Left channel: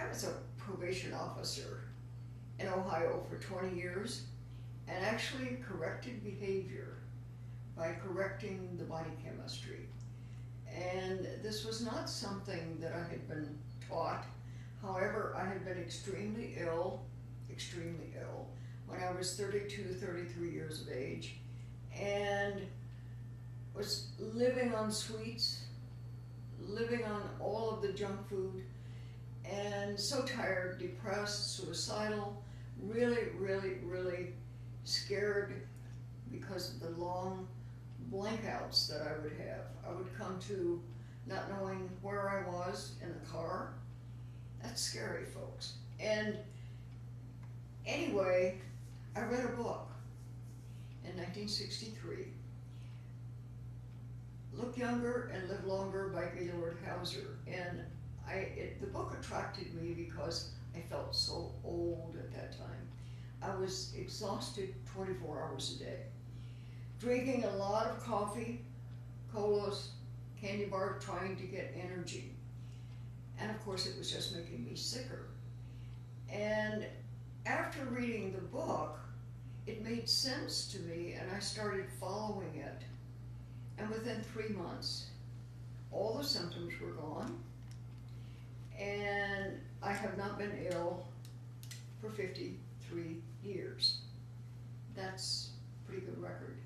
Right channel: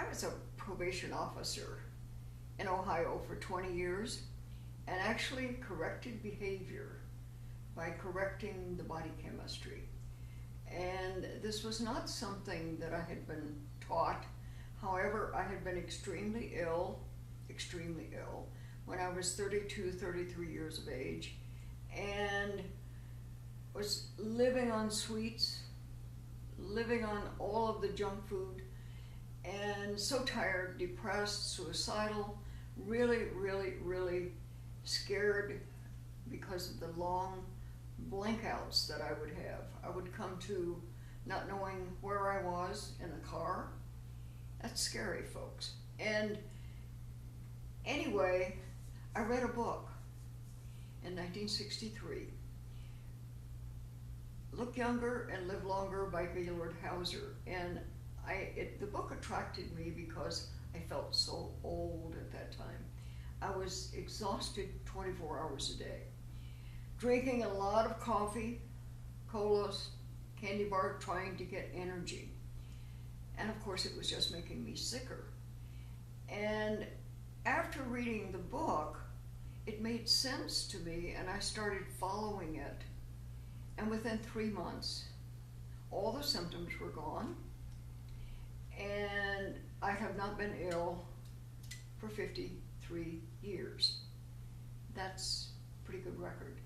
I was a probation officer in Ohio for 20 years and actually corrected behavior by correcting the body chemistry. And this was not something that I had been taught. However, I had been extremely ill, when I was 32, 33 years of age, and was living on sweets, living on all of the junk food, and so tired, depressed, suicidal, really, really, really scared because of the long blankouts that I would have. I would come to not knowing where I was in the car. That's scary, folks. And anyway, I read a book in 1963, Look Younger and Live Longer by Gaylord Hauser. And the book attracted me because I felt so old at that time. I was exhausted 24 hours a day, drinking a lot of coffee, colas, candy bar, trying to get energy. And of course, it was just making me sicker. And after reading the book, it made sense to me, and I started following it. And within 3 months, all the symptoms were gone, and I have not been ill for 53 years. That's a pretty good record.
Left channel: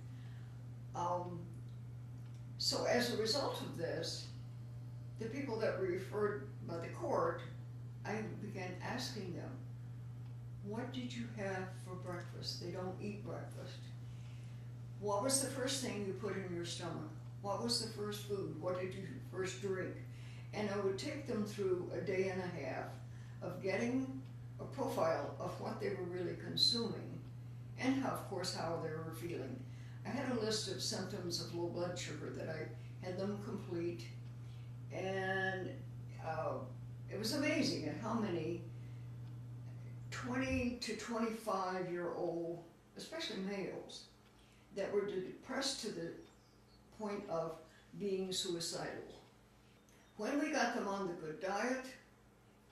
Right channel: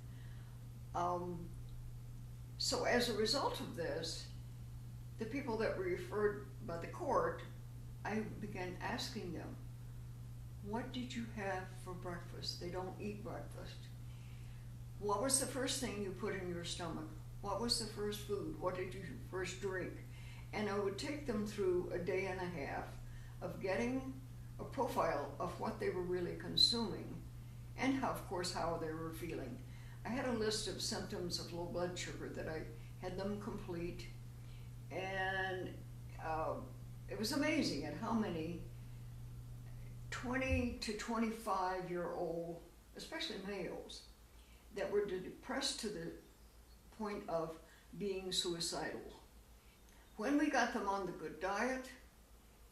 So as a result of this, the people that were referred by the court, I began asking them, what did you have for breakfast? They don't eat breakfast. What was the first thing you put in your stomach? What was the first food? What did you first drink? And I would take them through a day and a half of getting a profile of what they were really consuming and how, of course, how they were feeling. I had a list of symptoms of low blood sugar that I had them complete, and it was amazing at how many 20 to 25-year-old, especially males, that were depressed to the point of being suicidal. When we got them on the good diet,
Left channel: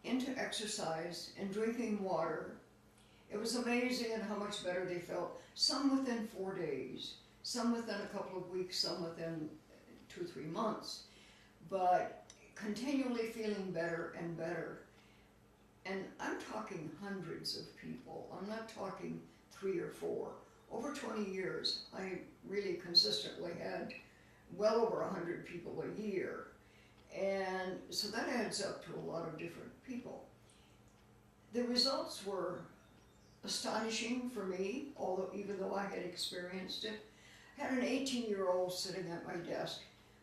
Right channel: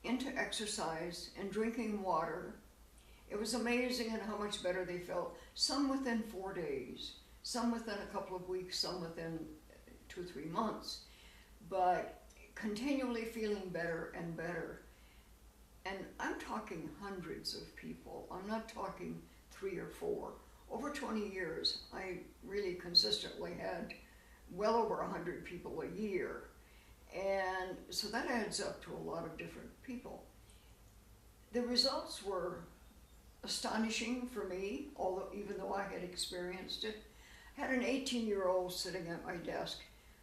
into exercise, and drinking water, it was amazing at how much better they felt. Some within 4 days, some within a couple of weeks, some within 2 or 3 months, but continually feeling better and better. And I'm talking hundreds of people. I'm not talking 3 or 4. Over 20 years, I really consistently had well over 100 people a year. And so that adds up to a lot of different people. The results were astonishing for me, although even though I had experienced it. I had an 18-year-old sitting at my desk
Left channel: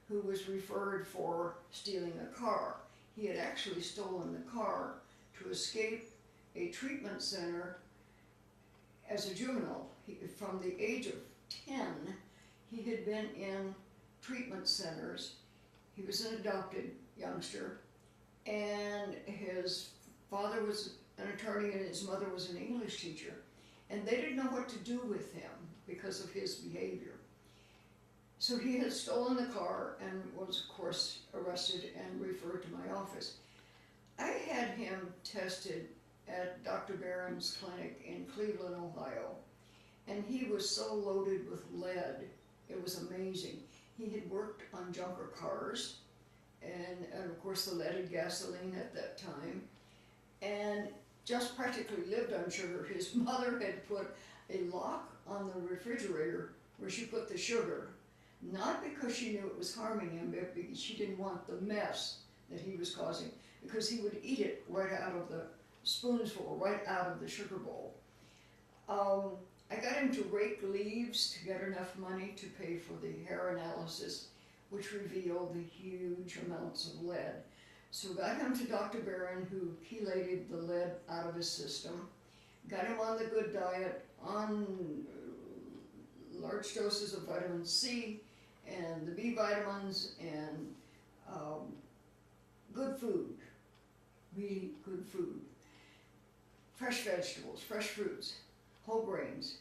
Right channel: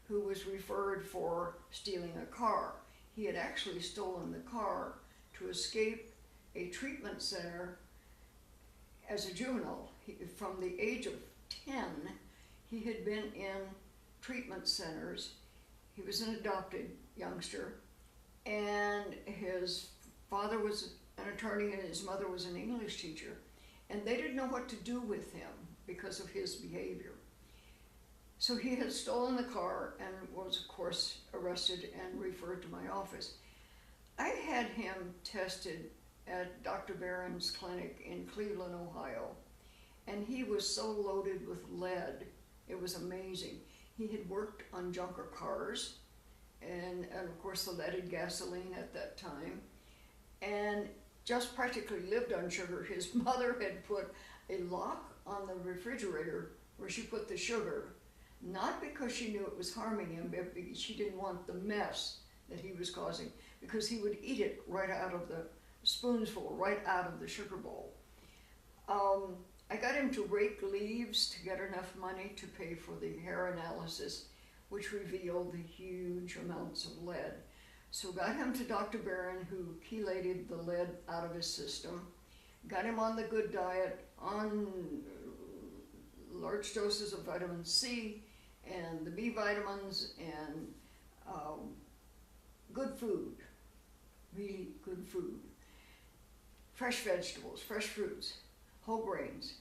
who was referred for stealing a car. He had actually stolen the car to escape a treatment center as a juvenile. From the age of 10, he had been in treatment centers. He was an adopted youngster, and his father was an attorney and his mother was an English teacher, and they didn't know what to do with him because of his behavior. So he had stolen the car and was, of course, arrested and referred to my office. I had him tested at Dr. Barron's clinic in Cleveland, Ohio, and he was so loaded with lead, it was amazing. He had worked on junker cars, and of course the leaded gasoline at that time, and just practically lived on sugar. His mother had put a lock on the refrigerator where she put the sugar, not because she knew it was harming him, but because she didn't want the mess that he was causing, because he would eat it right out of the spoonful, right out of the sugar bowl. I got him to rake leaves to get enough money to pay for the hair analysis, which revealed the huge amounts of lead. So got him to Dr. Barron, who chelated the lead out of his system, got him on the good diet, on large doses of vitamin C and the B vitamins and good food, really good food. Fresh vegetables, fresh fruits, whole grains,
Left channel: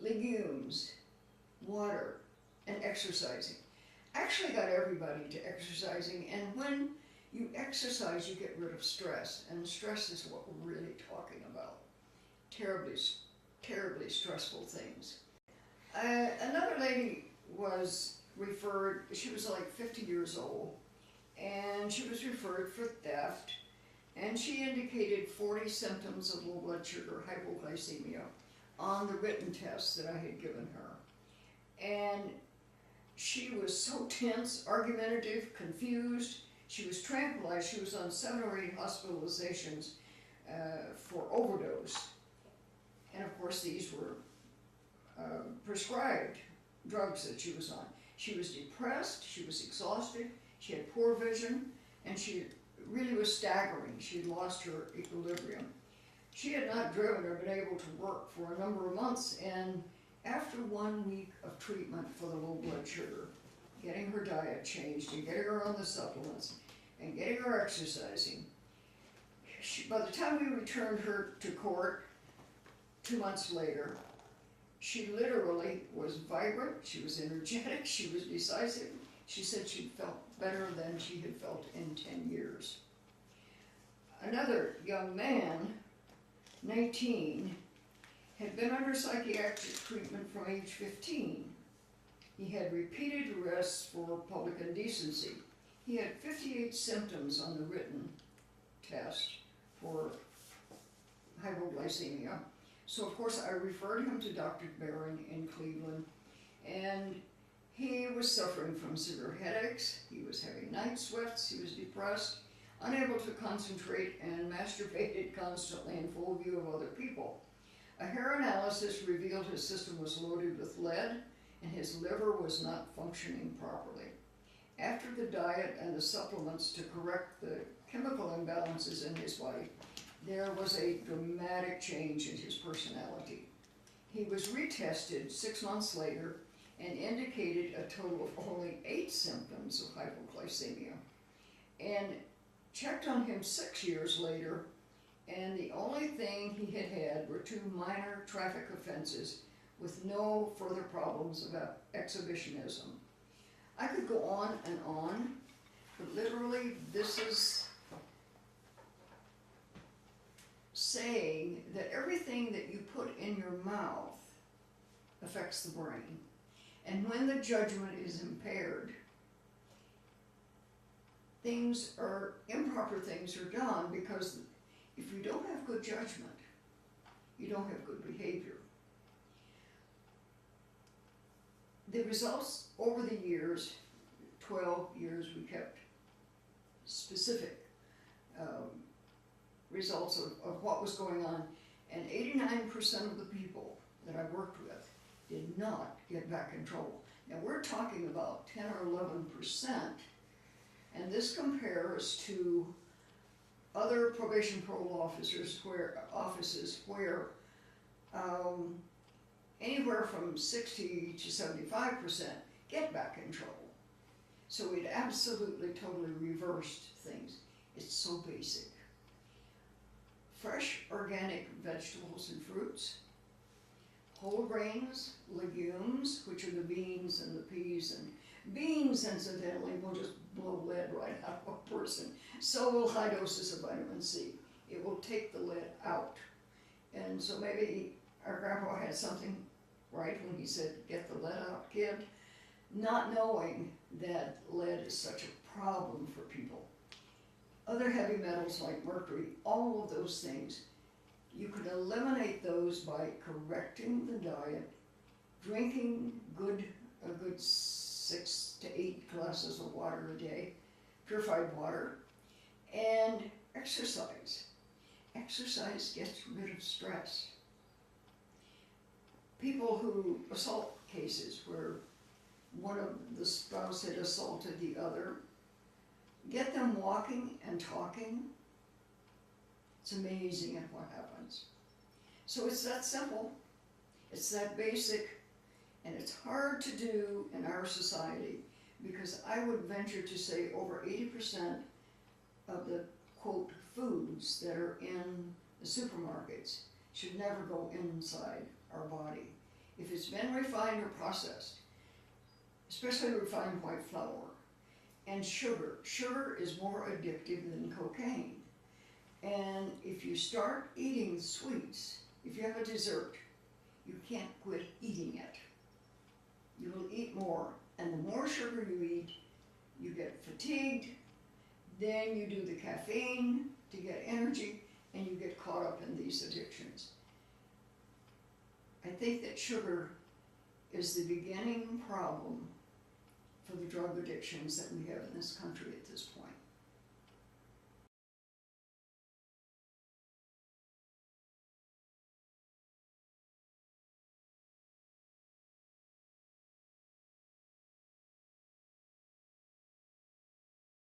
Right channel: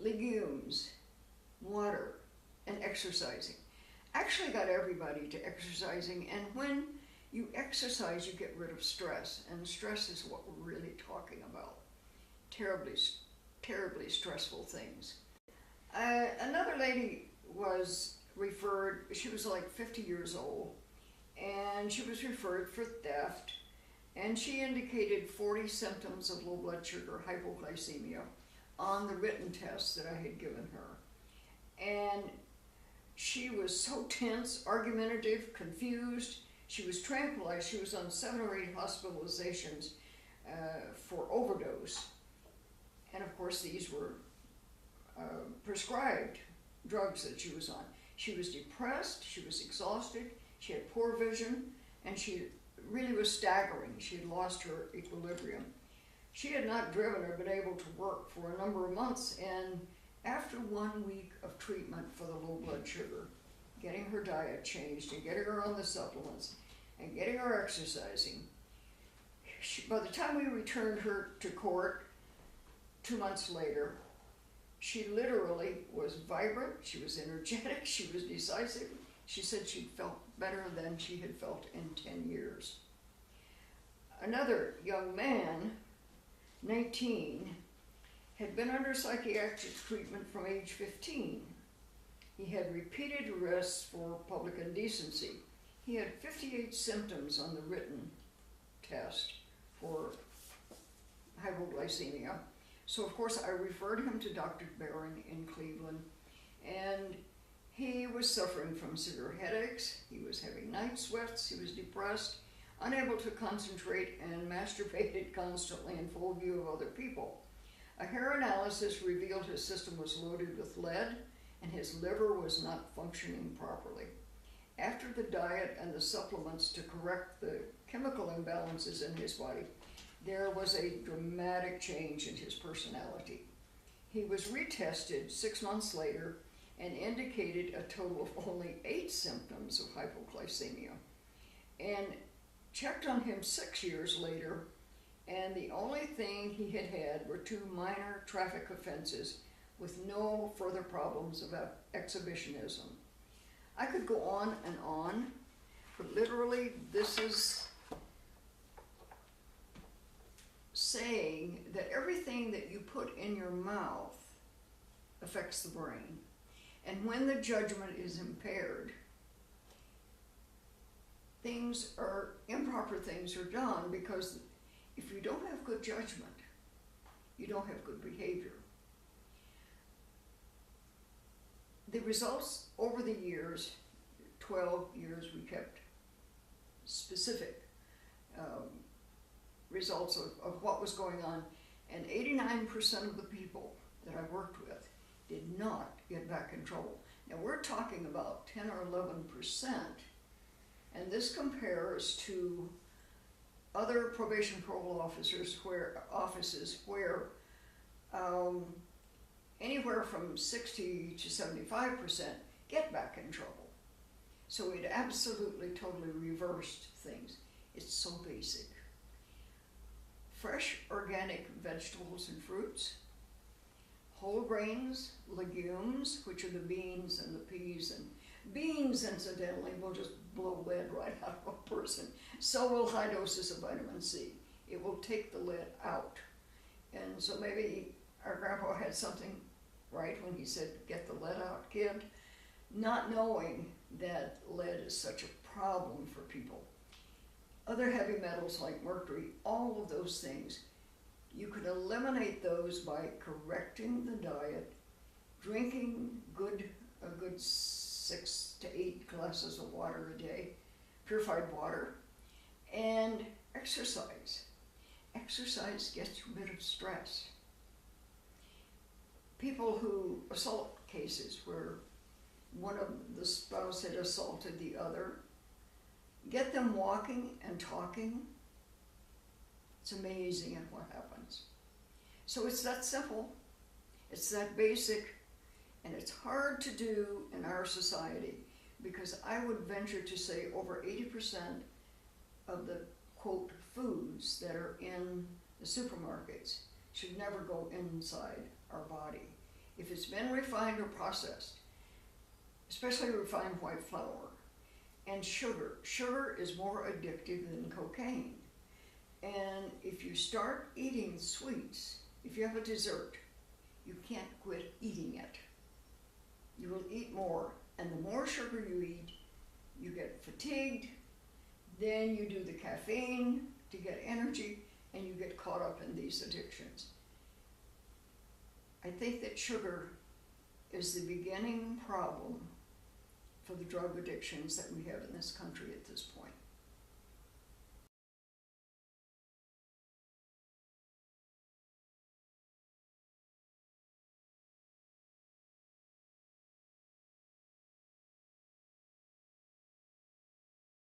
legumes, water, and exercising. Actually got everybody to exercising, and when You exercise, you get rid of stress, and stress is what we're really talking about. Terribly stressful things. Another lady was referred, she was like 50 years old, and she was referred for theft, and she indicated 40 symptoms of low blood sugar, hypoglycemia, on the written test that I had given her. And she was so tense, argumentative, confused. She was tranquilized. She was on 7 or 8 hospitalizations for overdose. And of course, these were prescribed drugs that she was on. She was depressed, she was exhausted, she had poor vision, and she really was staggering. She had lost her equilibrium. She had not driven or been able to work for a number of months, and after 1 week of treatment for the low blood sugar, getting her diet changed and getting her on the supplements and getting her exercising, by the time we returned her to court 2 months later, she literally was vibrant, she was energetic, she was decisive. She said she felt better than she had felt in 10 years. Another young man, 19, had been under psychiatric treatment from age 15. He had repeated arrests for public indecency. He had 58 symptoms on the written test for hypoglycemia. So of course I referred him to Dr. Barron in Cleveland, and he was suffering from severe headaches, he was having night sweats, he was depressed, unable to concentrate, and masturbated constantly in full view of other people. A hair analysis revealed his system was loaded with lead and his liver was not functioning properly. After the diet and the supplements to correct the chemical imbalances in his body, there was a dramatic change in his personality. He was retested 6 months later and indicated a total of only 8 symptoms of hypoglycemia, and checked on him 6 years later, and the only thing he had were 2 minor traffic offenses with no further problems about exhibitionism. I could go on, but literally this is saying that everything that you put in your mouth affects the brain. And when the judgment is impaired, improper things are done, because if you don't have good judgment, you don't have good behavior. The results over the years, 12 years, we kept specific results of what was going on, and 89% of the people that I worked with did not get back in trouble. Now we're talking about 10 or 11%, and this compares to other probation parole offices where anywhere from 60 to 75% get back in trouble. So it absolutely, totally reversed things. It's so basic. Fresh organic vegetables and fruits, whole grains, legumes, which are the beans and the peas, and beans, incidentally, will just blow lead right out of a person. So will high doses of vitamin C. It will take the lead out. And so maybe our grandpa had something right when he said, "Get the lead out, kid," not knowing that lead is such a problem for people. Other heavy metals like mercury, all of those things, you could eliminate those by correcting the diet, drinking a good 6 to 8 glasses of water a day, purified water, and exercise. Exercise gets rid of stress. People who assault cases where one of the spouse had assaulted the other, get them walking and talking. It's amazing at what happens. So it's that simple, it's that basic, and it's hard to do in our society, because I would venture to say over 80% of the, quote, foods that are in the supermarkets should never go inside our body. If it's been refined or processed, especially refined white flour, and sugar. Sugar is more addictive than cocaine. And if you start eating sweets, if you have a dessert, you can't quit eating it. You will eat more, and the more sugar you eat, you get fatigued, then you do the caffeine to get energy, and you get caught up in these addictions. I think that sugar is the beginning problem for the drug addictions that we have in this country at this point.